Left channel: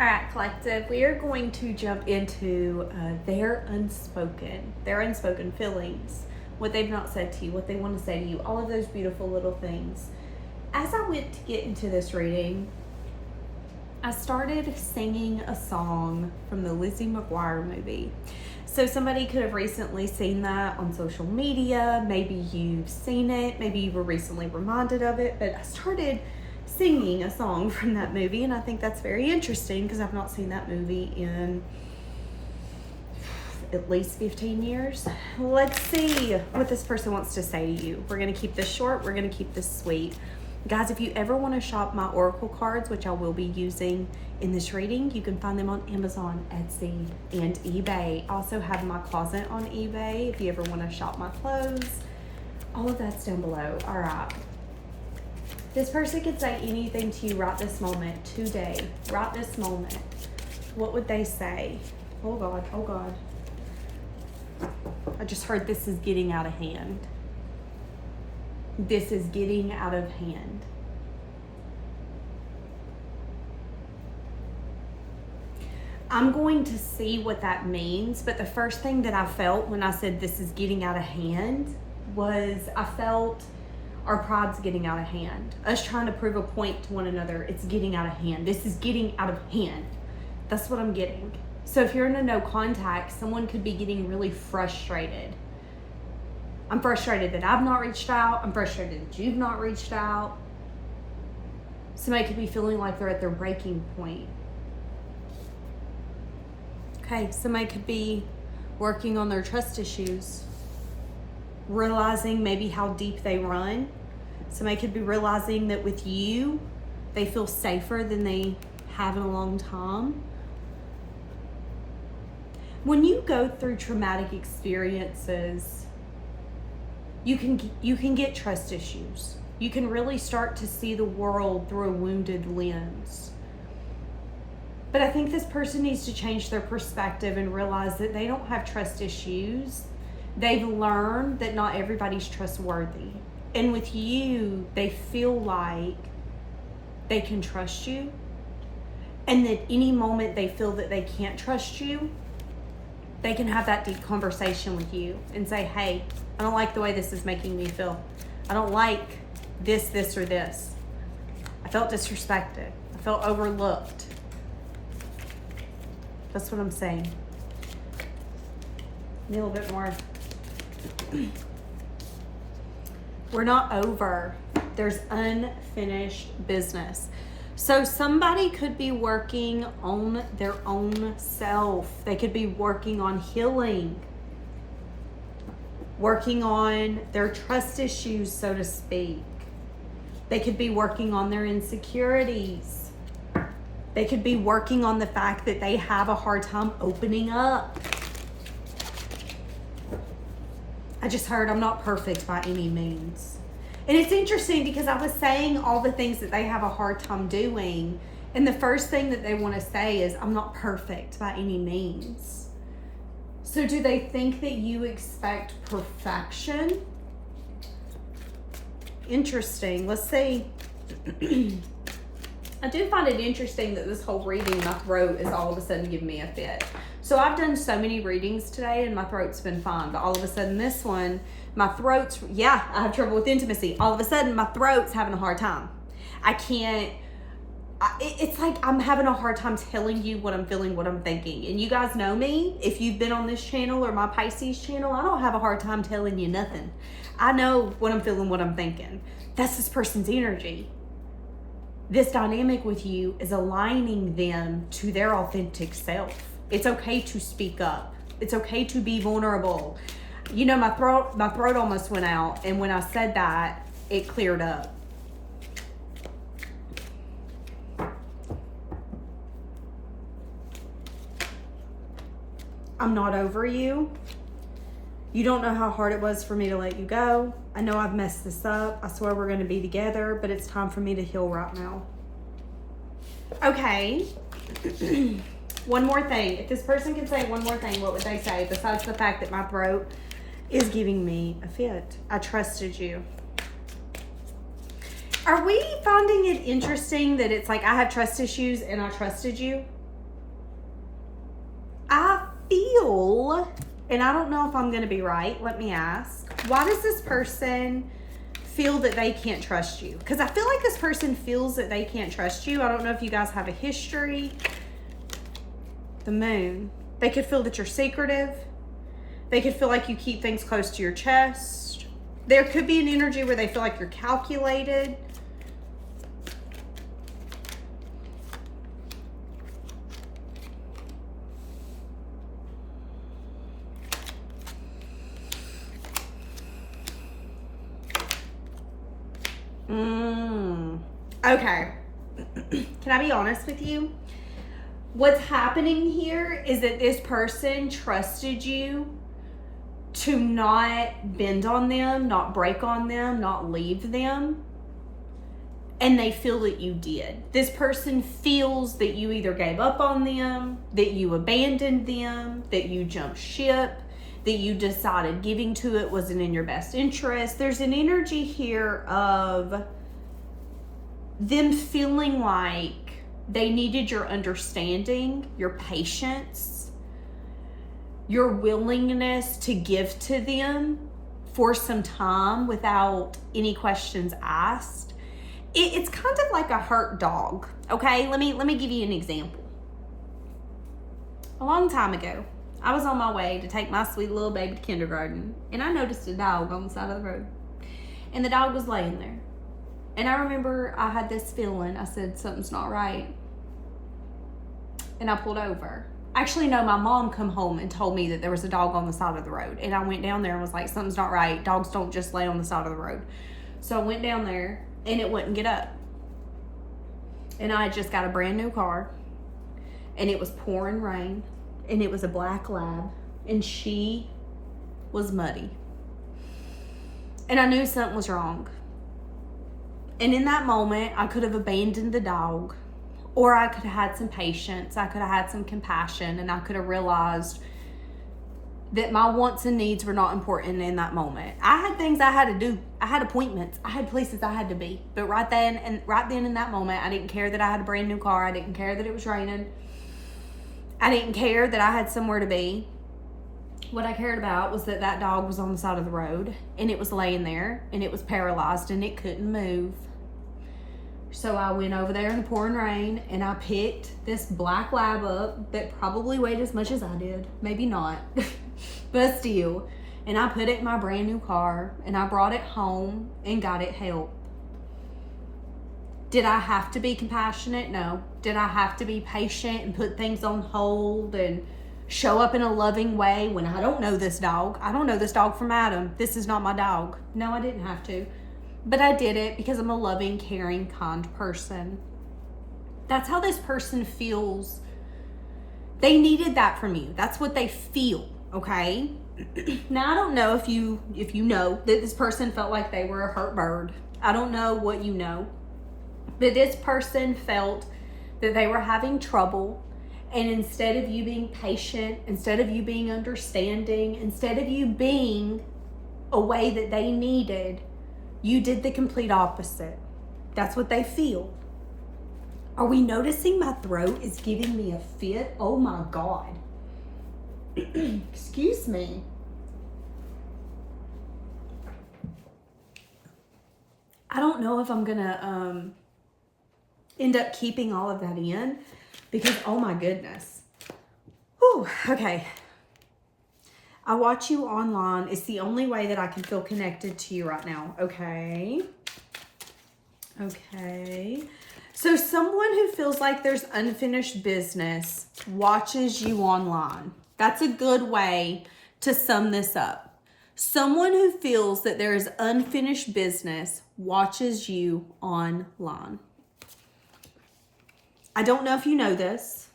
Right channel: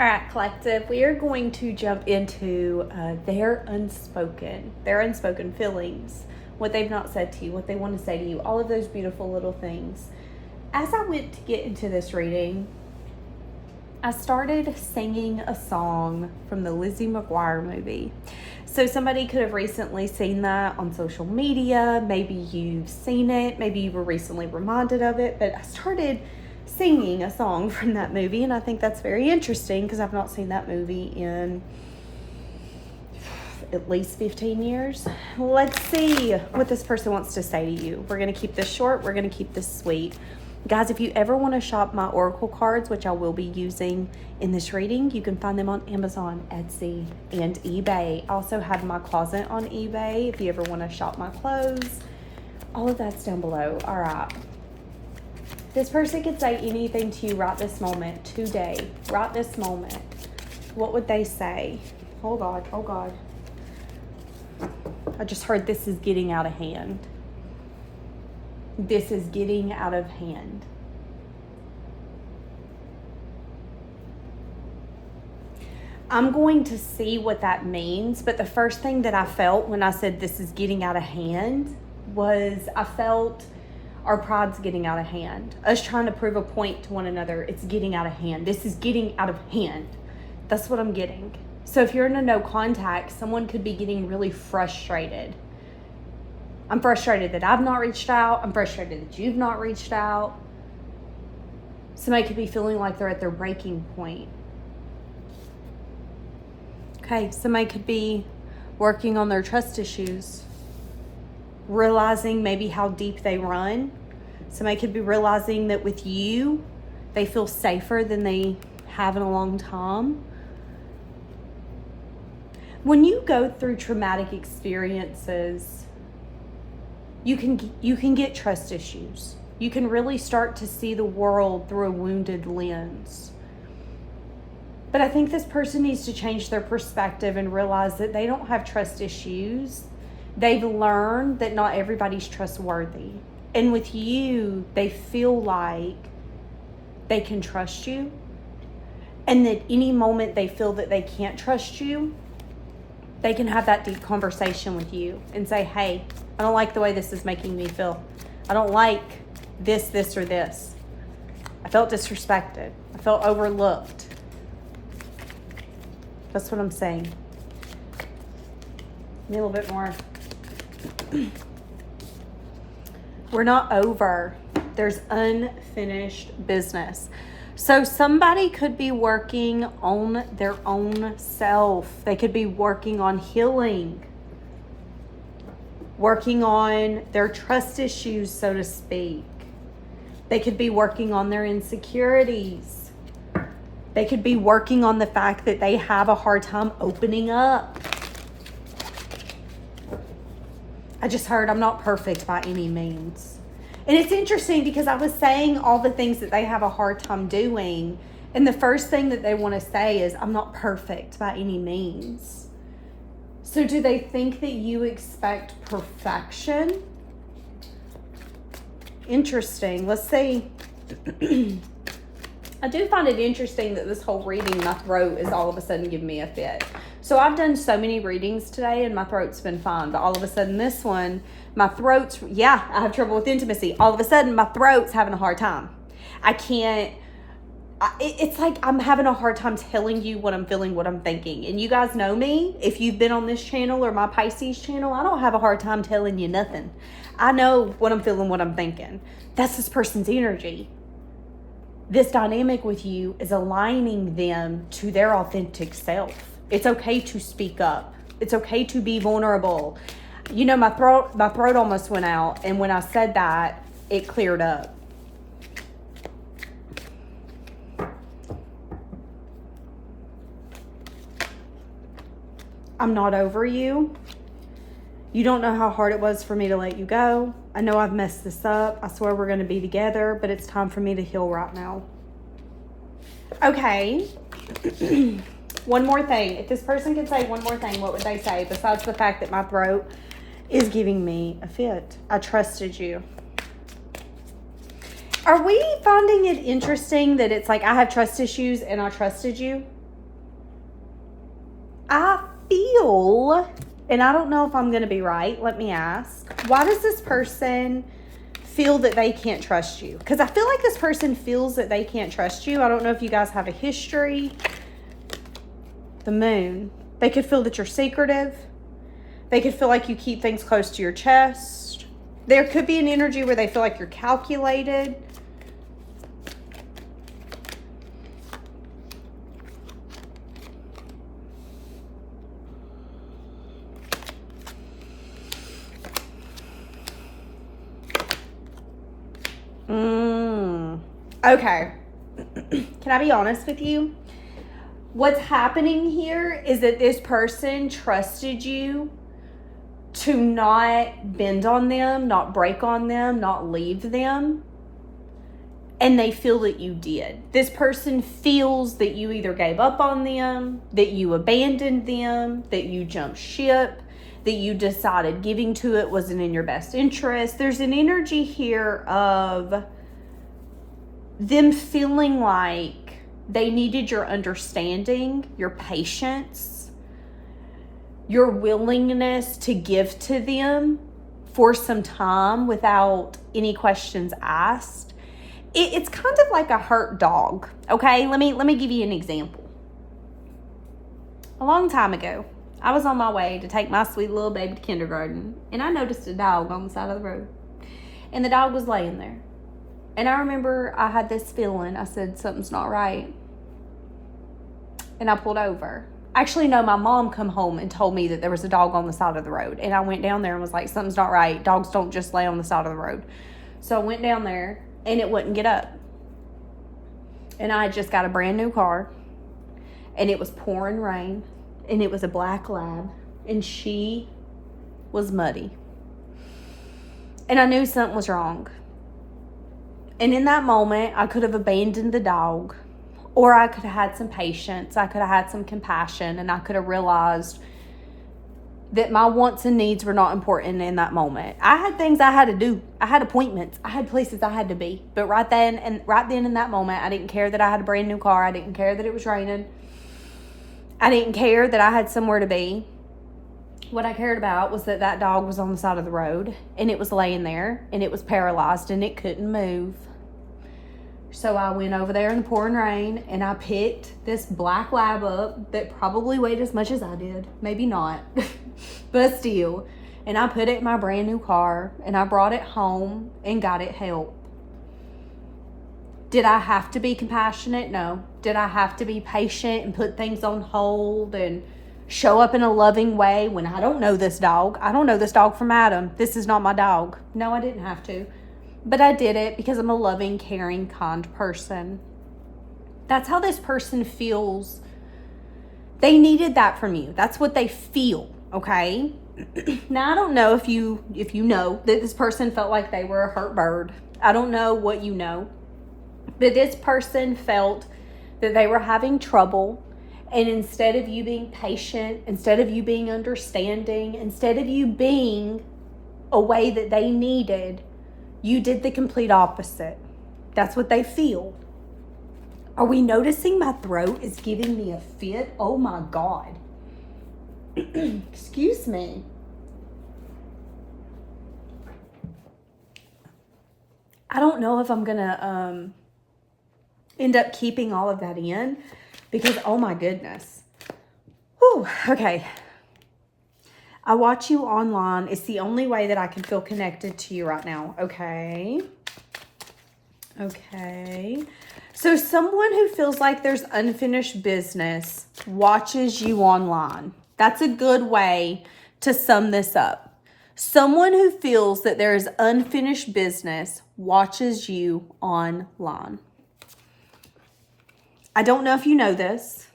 All right, collective, we are going to jump into their unspoken feelings, what they've not said to you, what they want to say to you, all of those beautiful little things. As I went to get into this reading, I started singing a song from the Lizzie McGuire movie. So somebody could have recently seen that on social media. Maybe you've seen it. Maybe you were recently reminded of it. But I started singing a song from that movie, and I think that's very interesting because I've not seen that movie in at least 15 years. Let's see what this person wants to say to you. We're going to keep this short. We're going to keep this sweet. Guys, if you ever want to shop my oracle cards, which I will be using in this reading, you can find them on Amazon, Etsy, and eBay. I also have my closet on eBay if you ever want to shop my clothes. All of that's down below. All right. This person could say anything to you right this moment, today, right this moment. What would they say? Oh God, oh God. I just heard this is getting out of hand. This is getting out of hand. I'm going to see what that means, but the first thing that I felt when I said this is getting out of hand was I felt our pride's getting out of hand. Us trying to prove a point to one another, it's getting out of hand. This is getting out of hand. That's what I'm getting. So if you're in a no contact, someone could be getting really frustrated. I'm frustrated that I've not reached out. I'm frustrated that you've not reached out. Somebody could be feeling like they're at their breaking point. Okay, somebody could be working on their trust issues, realizing maybe how deep they run. Somebody could be realizing that with you, they feel safer than they have in a long time. When you go through traumatic experiences, you can get trust issues. You can really start to see the world through a wounded lens. But I think this person needs to change their perspective and realize that they don't have trust issues. They've learned that not everybody's trustworthy. And with you, they feel like they can trust you. And that any moment they feel that they can't trust you, they can have that deep conversation with you and say, hey, I don't like the way this is making me feel. I don't like this, or this. I felt disrespected. I felt overlooked. That's what I'm saying. Maybe a little bit more. We're not over. There's unfinished business. So somebody could be working on their own self. They could be working on healing, working on their trust issues, so to speak. They could be working on their insecurities. They could be working on the fact that they have a hard time opening up. I just heard I'm not perfect by any means. And it's interesting because I was saying all the things that they have a hard time doing. And the first thing that they want to say is, I'm not perfect by any means. So do they think that you expect perfection? Interesting. Let's see. I do find it interesting that this whole reading, my throat is all of a sudden giving me a fit. So I've done so many readings today and my throat's been fine. But all of a sudden this one, my throat's, I have trouble with intimacy. All of a sudden my throat's having a hard time. I can't, it's like I'm having a hard time telling you what I'm feeling, what I'm thinking. And you guys know me. If you've been on this channel or my Pisces channel, I don't have a hard time telling you nothing. I know what I'm feeling, what I'm thinking. That's this person's energy. This dynamic with you is aligning them to their authentic self. It's okay to speak up. It's okay to be vulnerable. You know, my throat almost went out. And when I said that, it cleared up. I'm not over you. You don't know how hard it was for me to let you go. I know I've messed this up. I swear we're going to be together, but it's time for me to heal right now. Okay. One more thing. If this person could say one more thing, what would they say besides the fact that my throat is giving me a fit? I trusted you. Are we finding it interesting that it's like I have trust issues and I trusted you? feel, and I don't know if I'm going to be right, let me ask, why does this person feel that they can't trust you? Because I feel like this person feels that they can't trust you. I don't know if you guys have a history. The moon. They could feel that you're secretive. They could feel like you keep things close to your chest. There could be an energy where they feel like you're calculated. Okay. Can I be honest with you? What's happening here is that this person trusted you to not bend on them, not break on them, not leave them. And they feel that you did. This person feels that you either gave up on them, that you abandoned them, that you jumped ship, that you decided giving to it wasn't in your best interest. There's an energy here of them feeling like they needed your understanding, your patience, your willingness to give to them for some time without any questions asked. It's kind of like a hurt dog, okay? Let me give you an example. A long time ago, I was on my way to take my sweet little baby to kindergarten, and I noticed a dog on the side of the road. And the dog was laying there. And I remember I had this feeling. I said, something's not right. And I pulled over. Actually, no, my mom come home and told me that there was a dog on the side of the road. And I went down there and was like, something's not right. Dogs don't just lay on the side of the road. So I went down there and it wouldn't get up. And I had just got a brand new car. And it was pouring rain. And it was a black lab. And she was muddy. And I knew something was wrong. And in that moment, I could have abandoned the dog, or I could have had some patience. I could have had some compassion, and I could have realized that my wants and needs were not important in that moment. I had things I had to do. I had appointments. I had places I had to be. But right then in that moment, I didn't care that I had a brand new car. I didn't care that it was raining. I didn't care that I had somewhere to be. What I cared about was that dog was on the side of the road, and it was laying there, and it was paralyzed, and it couldn't move. So I went over there in the pouring rain, and I picked this black lab up that probably weighed as much as I did. Maybe not, but still. And I put it in my brand new car, and I brought it home and got it help. Did I have to be compassionate? No. Did I have to be patient and put things on hold and show up in a loving way when I don't know this dog? I don't know this dog from Adam. This is not my dog. No, I didn't have to. But I did it because I'm a loving, caring, kind person. That's how this person feels. They needed that from you. That's what they feel, okay? Now, I don't know if you know that this person felt like they were a hurt bird. I don't know what you know. But this person felt that they were having trouble. And instead of you being patient, instead of you being understanding, instead of you being a way that they needed, you did the complete opposite. That's what they feel. Are we noticing my throat is giving me a fit? Oh my God. Excuse me. I don't know if I'm gonna end up keeping all of that in because, oh my goodness. Whew, okay. I watch you online. It's the only way that I can feel connected to you right now. Okay. Okay. So someone who feels like there's unfinished business watches you online. That's a good way to sum this up. Someone who feels that there is unfinished business watches you online. I don't know if you know this.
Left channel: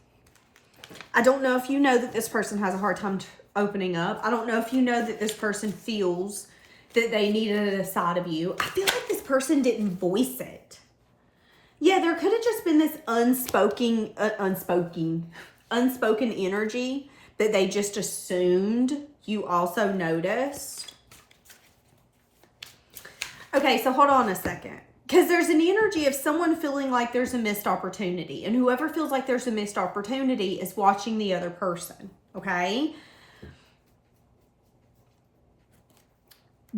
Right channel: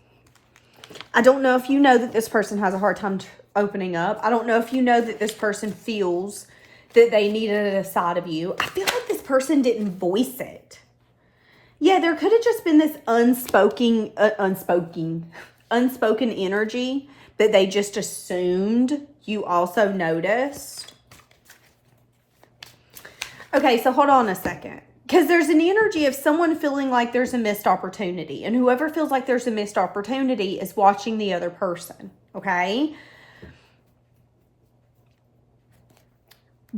I don't know if you know that this person has a hard time opening up. I don't know if you know that this person feels that they needed a side of you. I feel like this person didn't voice it. Yeah, there could have just been this unspoken energy that they just assumed you also noticed. Okay, so hold on a second. Because there's an energy of someone feeling like there's a missed opportunity. And whoever feels like there's a missed opportunity is watching the other person. Okay?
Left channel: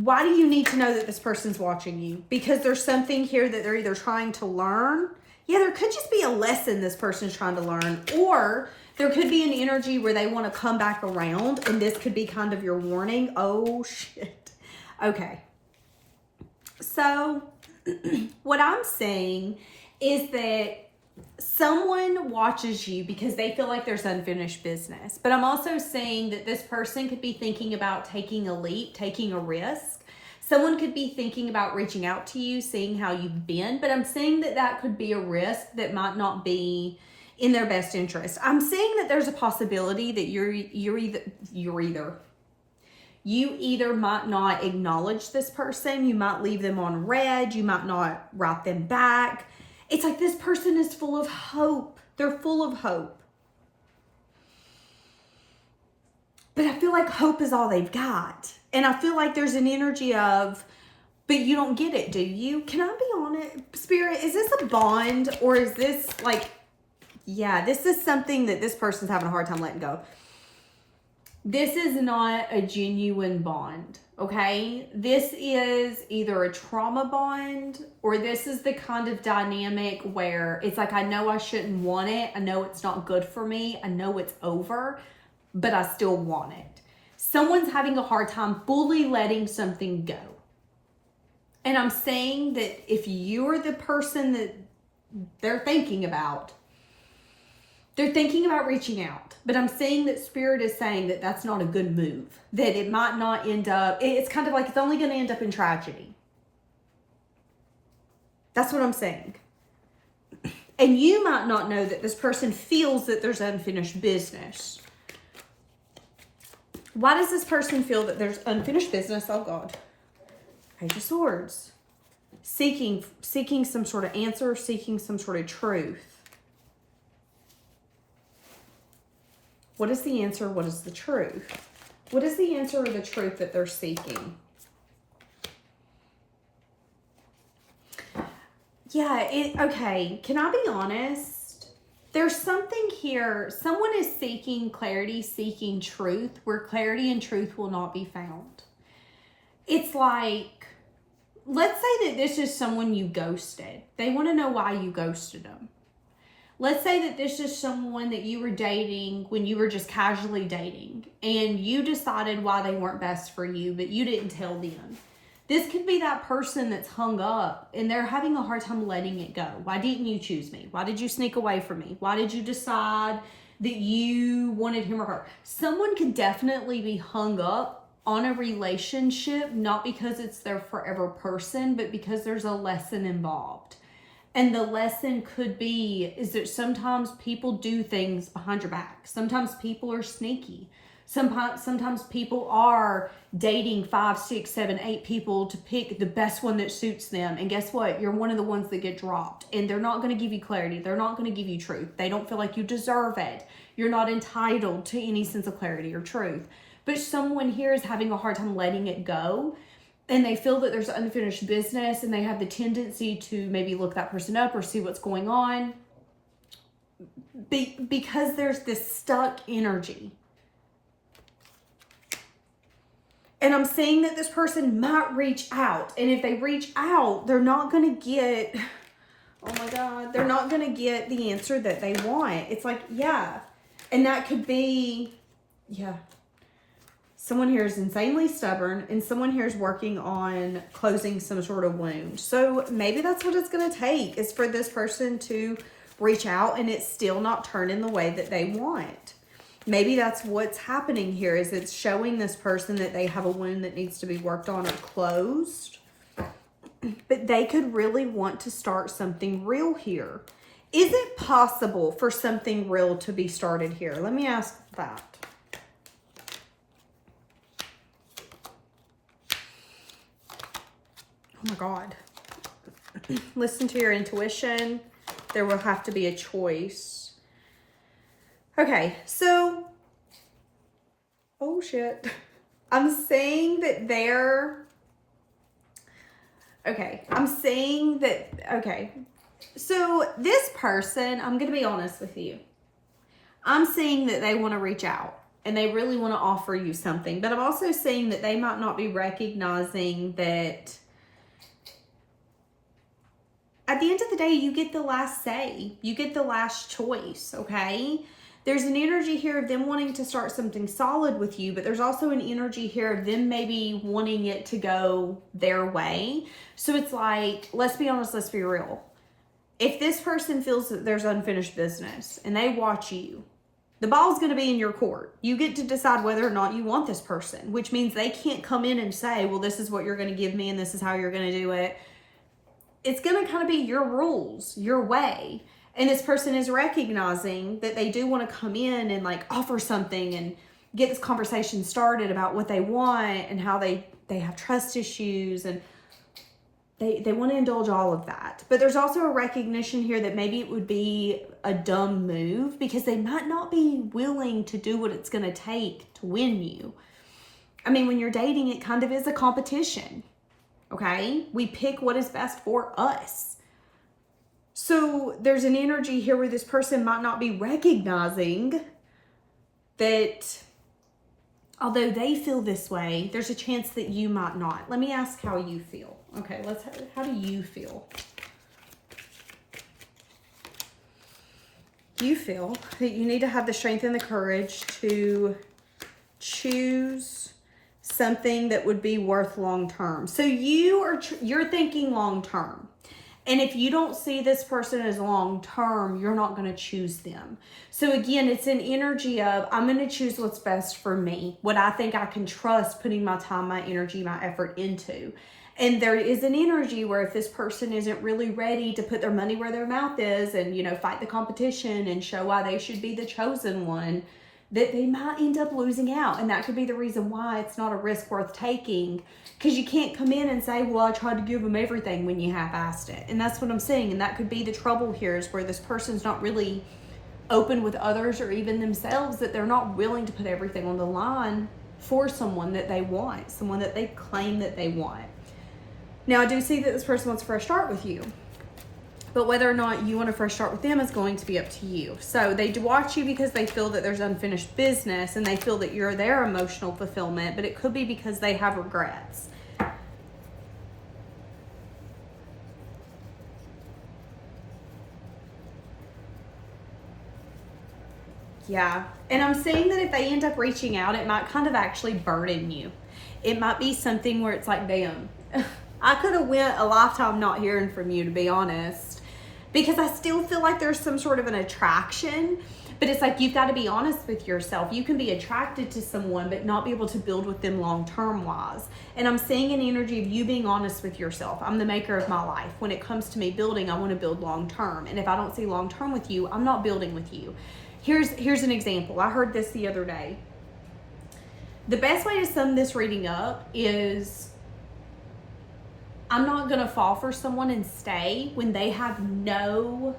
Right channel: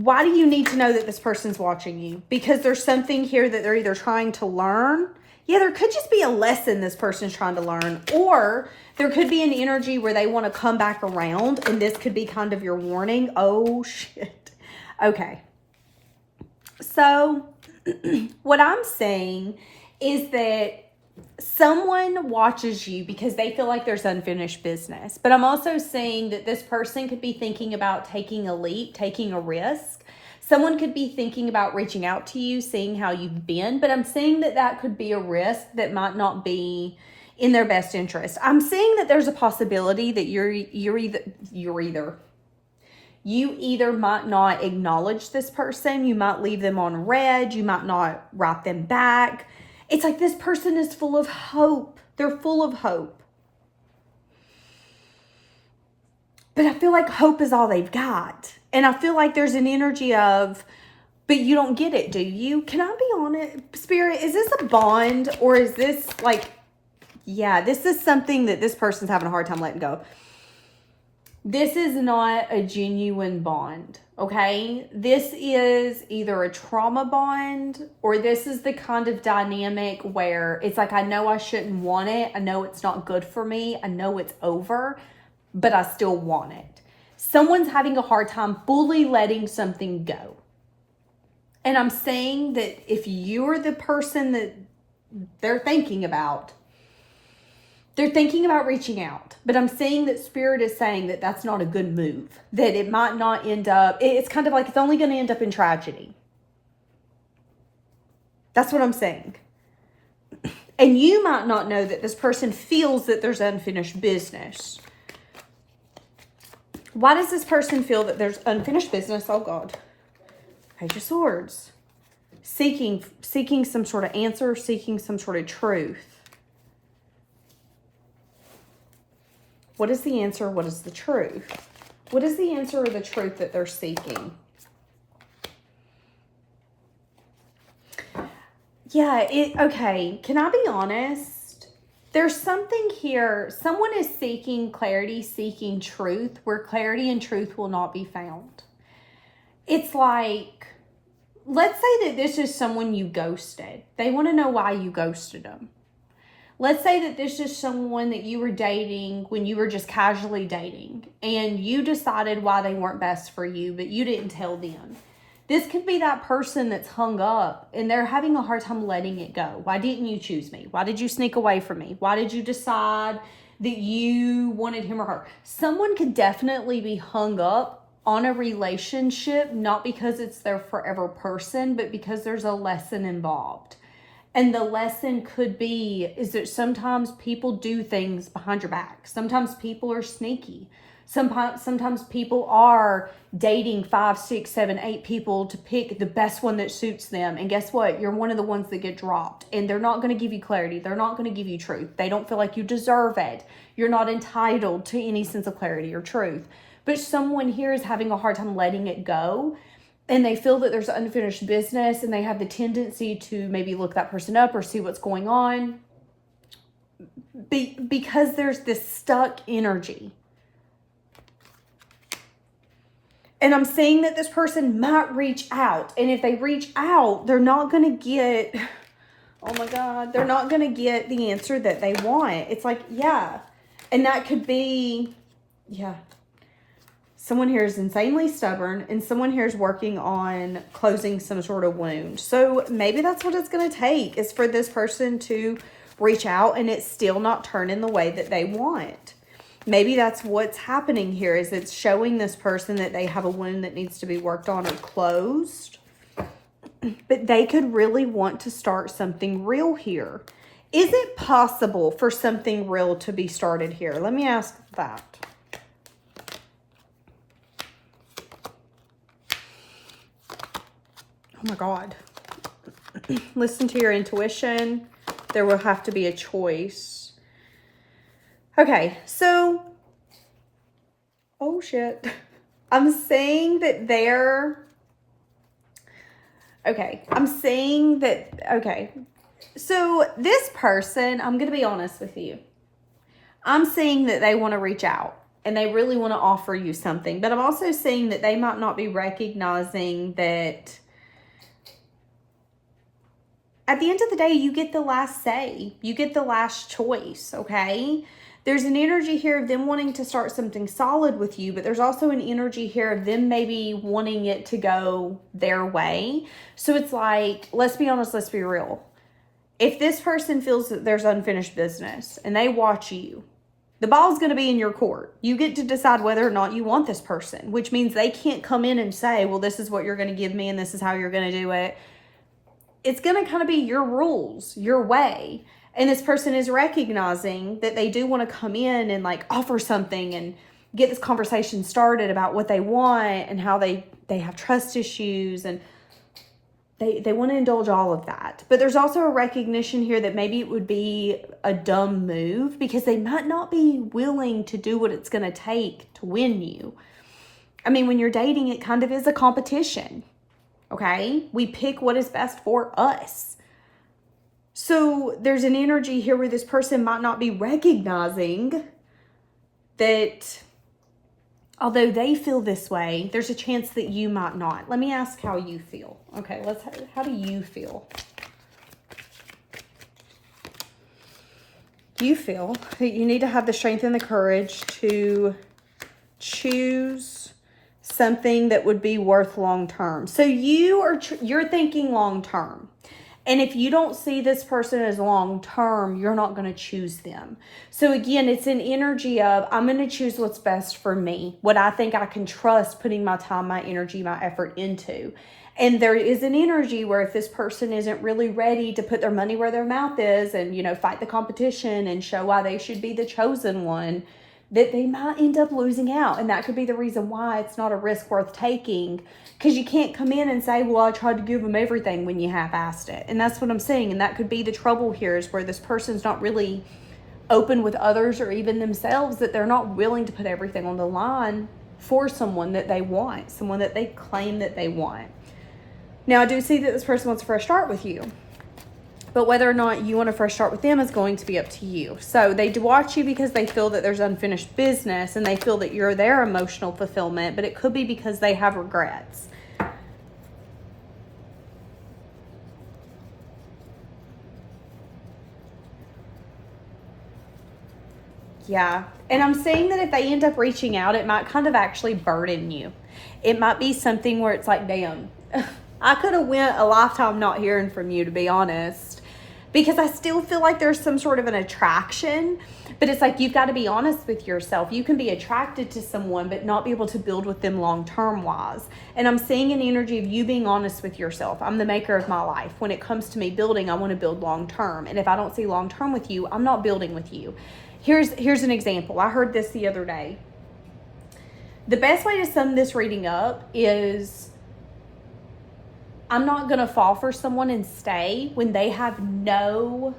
Why do you need to know that this person's watching you? Because there's something here that they're either trying to learn. Yeah, there could just be a lesson this person's trying to learn. Or there could be an energy where they want to come back around. And this could be kind of your warning. Oh, shit. Okay. So what I'm saying is that someone watches you because they feel like there's unfinished business. But I'm also saying that this person could be thinking about taking a leap, taking a risk. Someone could be thinking about reaching out to you, seeing how you've been. But I'm saying that that could be a risk that might not be in their best interest. I'm saying that there's a possibility that you either might not acknowledge this person. You might leave them on red. You might not write them back. It's like this person is full of hope. They're full of hope. But I feel like hope is all they've got. And I feel like there's an energy of, but you don't get it, do you? Can I be honest? Spirit, is this a bond? Or is this like, yeah, this is something that this person's having a hard time letting go. This is not a genuine bond, okay? This is either a trauma bond or this is the kind of dynamic where it's like, I know I shouldn't want it. I know it's not good for me. I know it's over, but I still want it. Someone's having a hard time fully letting something go. And I'm saying that if you're the person that they're thinking about reaching out. But I'm saying that Spirit is saying that that's not a good move. That it might not end up, it's kind of like it's only going to end up in tragedy. That's what I'm saying. And you might not know that this person feels that there's unfinished business. Why does this person feel that there's unfinished business? Oh God. Page of Swords. Seeking some sort of answer, seeking some sort of truth. What is the answer? What is the truth? What is the answer or the truth that they're seeking? Yeah, okay. Can I be honest? There's something here. Someone is seeking clarity, seeking truth, where clarity and truth will not be found. It's like, let's say that this is someone you ghosted. They want to know why you ghosted them. Let's say that this is someone that you were dating when you were just casually dating and you decided why they weren't best for you, but you didn't tell them. This could be that person that's hung up and they're having a hard time letting it go. Why didn't you choose me? Why did you sneak away from me? Why did you decide that you wanted him or her? Someone could definitely be hung up on a relationship, not because it's their forever person, but because there's a lesson involved. And the lesson could be is that sometimes people do things behind your back. Sometimes people are sneaky. Sometimes people are dating 5, 6, 7, 8 people to pick the best one that suits them. And guess what? You're one of the ones that get dropped. And they're not going to give you clarity. They're not going to give you truth. They don't feel like you deserve it. You're not entitled to any sense of clarity or truth. But someone here is having a hard time letting it go. And they feel that there's unfinished business and they have the tendency to maybe look that person up or see what's going on. Because there's this stuck energy. And I'm saying that this person might reach out. And if they reach out, they're not going to get, oh my God, they're not going to get the answer that they want. It's like, yeah. And that could be, yeah. Someone here is insanely stubborn and someone here is working on closing some sort of wound. So maybe that's what it's going to take is for this person to reach out and it's still not turning the way that they want. Maybe that's what's happening here is it's showing this person that they have a wound that needs to be worked on or closed. But they could really want to start something real here. Is it possible for something real to be started here? Let me ask that. Oh my God. Listen to your intuition. There will have to be a choice. Okay, so, oh shit. I'm saying that okay. So this person, I'm going to be honest with you. I'm saying that they want to reach out and they really want to offer you something. But I'm also seeing that they might not be recognizing that at the end of the day, you get the last say. You get the last choice, okay? There's an energy here of them wanting to start something solid with you, but there's also an energy here of them maybe wanting it to go their way. So it's like, let's be honest, let's be real. If this person feels that there's unfinished business and they watch you, the ball's going to be in your court. You get to decide whether or not you want this person, which means they can't come in and say, well, this is what you're going to give me and this is how you're going to do it. It's going to kind of be your rules, your way. And this person is recognizing that they do want to come in and like offer something and get this conversation started about what they want and how they have trust issues, and they want to indulge all of that. But there's also a recognition here that maybe it would be a dumb move because they might not be willing to do what it's going to take to win you. I mean, when you're dating, it kind of is a competition. Okay? We pick what is best for us. So there's an energy here where this person might not be recognizing that although they feel this way, there's a chance that you might not. Let me ask how you feel. Okay, how do you feel? You feel that you need to have the strength and the courage to choose something that would be worth long term. So you're thinking long term. And if you don't see this person as long term, you're not going to choose them. So again, it's an energy of, I'm going to choose what's best for me, what I think I can trust putting my time, my energy, my effort into. And there is an energy where if this person isn't really ready to put their money where their mouth is and, fight the competition and show why they should be the chosen one, that they might end up losing out. And that could be the reason why it's not a risk worth taking, because you can't come in and say, well, I tried to give them everything when you half-assed it. And that's what I'm saying. And that could be the trouble here, is where this person's not really open with others or even themselves, that they're not willing to put everything on the line for someone that they want, someone that they claim that they want. Now, I do see that this person wants a fresh start with you. But whether or not you want to fresh start with them is going to be up to you. So they do watch you because they feel that there's unfinished business and they feel that you're their emotional fulfillment, but it could be because they have regrets. Yeah. And I'm saying that if they end up reaching out, it might kind of actually burden you. It might be something where it's like, damn, I could have went a lifetime not hearing from you, to be honest. Because I still feel like there's some sort of an attraction, but it's like, you've got to be honest with yourself. You can be attracted to someone, but not be able to build with them long-term wise. And I'm seeing an energy of you being honest with yourself. I'm the maker of my life. When it comes to me building, I want to build long-term. And if I don't see long-term with you, I'm not building with you. Here's an example. I heard this the other day. The best way to sum this reading up is, I'm not going to fall for someone and stay when they have no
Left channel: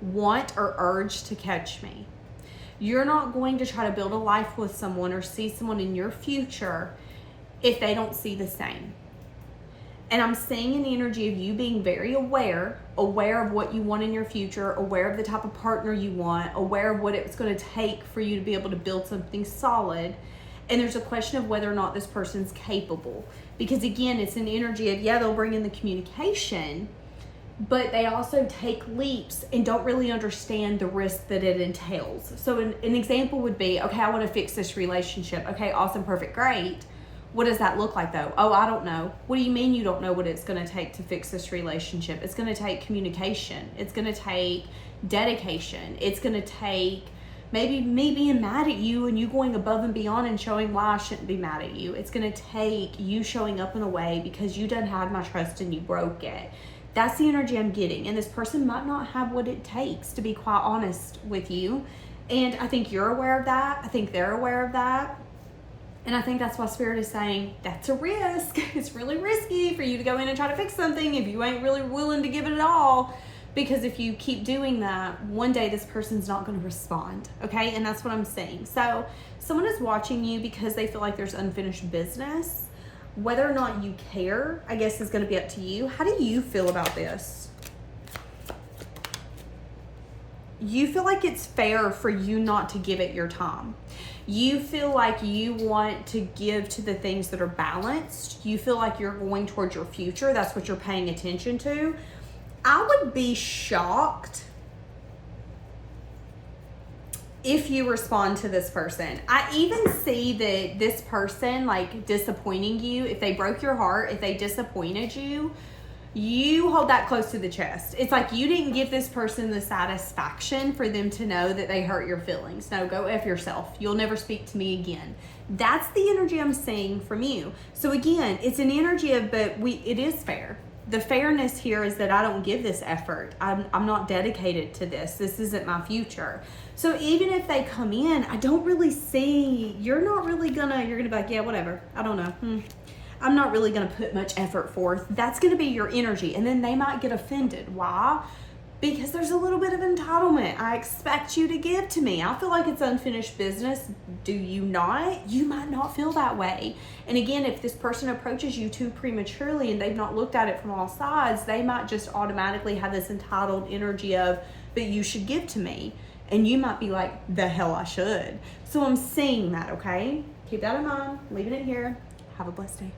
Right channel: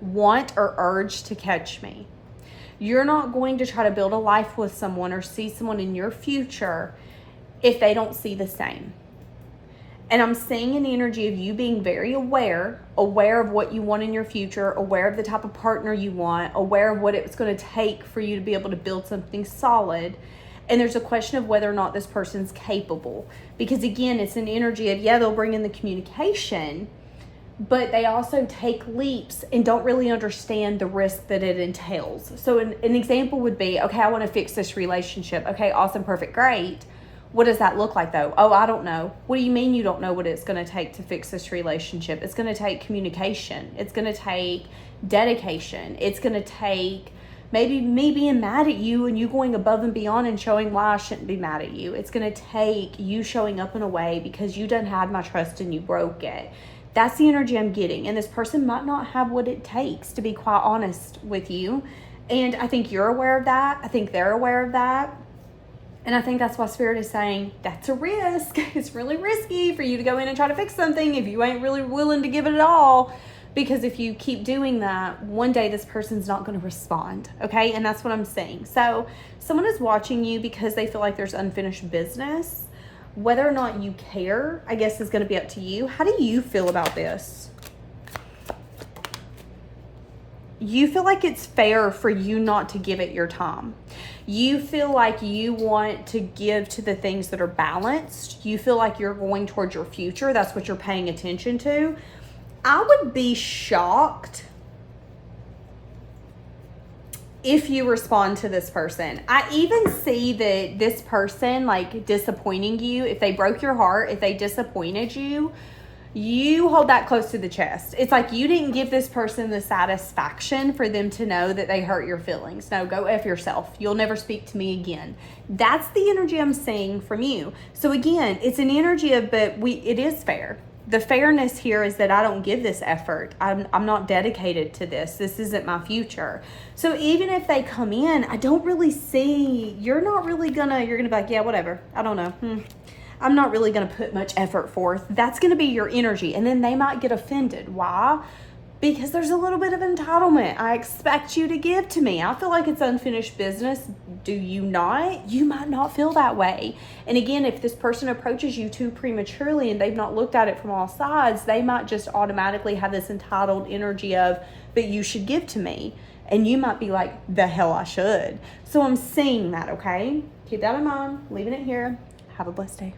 want or urge to catch me. You're not going to try to build a life with someone or see someone in your future if they don't see the same. And I'm seeing an energy of you being very aware of what you want in your future, aware of the type of partner you want, aware of what it's going to take for you to be able to build something solid. And there's a question of whether or not this person's capable. Because again, it's an energy of, yeah, they'll bring in the communication, but they also take leaps and don't really understand the risk that it entails. So an example would be, okay, I want to fix this relationship. Okay, awesome, perfect, great. What does that look like though? Oh, I don't know. What do you mean you don't know what it's going to take to fix this relationship? It's going to take communication. It's going to take dedication. It's going to take maybe me being mad at you and you going above and beyond and showing why I shouldn't be mad at you. It's going to take you showing up in a way because you done had my trust and you broke it. That's the energy I'm getting. And this person might not have what it takes, to be quite honest with you. And I think you're aware of that. I think they're aware of that. And I think that's why Spirit is saying, that's a risk. It's really risky for you to go in and try to fix something if you ain't really willing to give it all. Because if you keep doing that, one day this person's not going to respond, okay? And that's what I'm saying. So someone is watching you because they feel like there's unfinished business. Whether or not you care, I guess, is going to be up to you. How do you feel about this? you feel like it's fair for you not to give it your time. You feel like you want to give to the things that are balanced. You feel like you're going towards your future. That's what you're paying attention to. I would be shocked if you respond to this person. I even see that this person, like, disappointing you, if they broke your heart, if they disappointed you, you hold that close to the chest. It's like you didn't give this person the satisfaction for them to know that they hurt your feelings. No, go F yourself. You'll never speak to me again. That's the energy I'm seeing from you. So again, it's an energy of, but it is fair. The fairness here is that I don't give this effort. I'm not dedicated to this. This isn't my future. So even if they come in, I don't really see, you're gonna be like, yeah, whatever. I don't know. I'm not really going to put much effort forth. That's going to be your energy. And then they might get offended. Why? Because there's a little bit of entitlement. I expect you to give to me. I feel like it's unfinished business. Do you not? You might not feel that way. And again, if this person approaches you too prematurely and they've not looked at it from all sides, they might just automatically have this entitled energy of, but you should give to me. And you might be like, the hell I should. So I'm seeing that, okay? Keep that in mind. Leaving it here. Have a blessed day.